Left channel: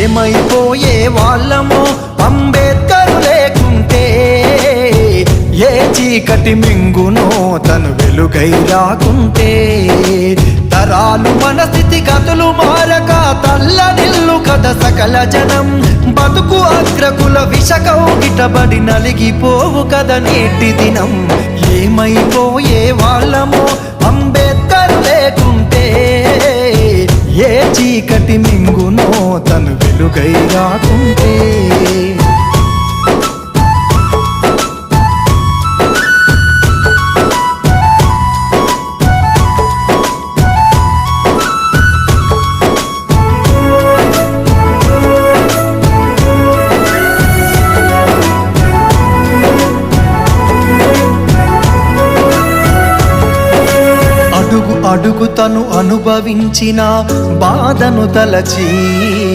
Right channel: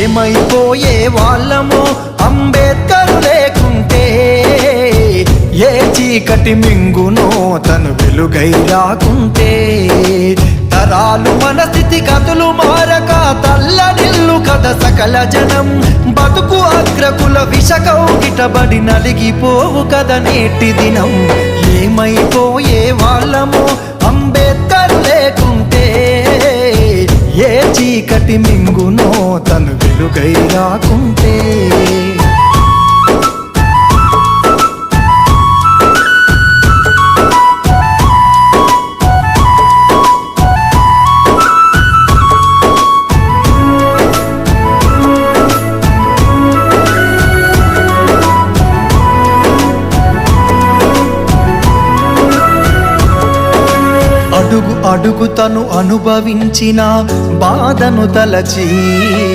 ఏమైపోయే వాళ్ళమో అంబేద్కరు లేకుంటే, ఏ చీకటి మింగునో తను వెలుగై రాకుంటే, తరాలు మన స్థితి గతులు మారక తల్లడిల్లు కథ సకల జనం, బతుకు అగ్రకుల విషకౌగిటబడి నలిగిపోవు కథ నేటి దినం. ఏమైపోయే వాళ్ళమో అంబేద్కరు లేకుంటే, ఏ చీకటి మింగునో తను వెలుగై రాకుంటే. అడుగు అడుగు తను అనుభవించిన బాధను తలచి,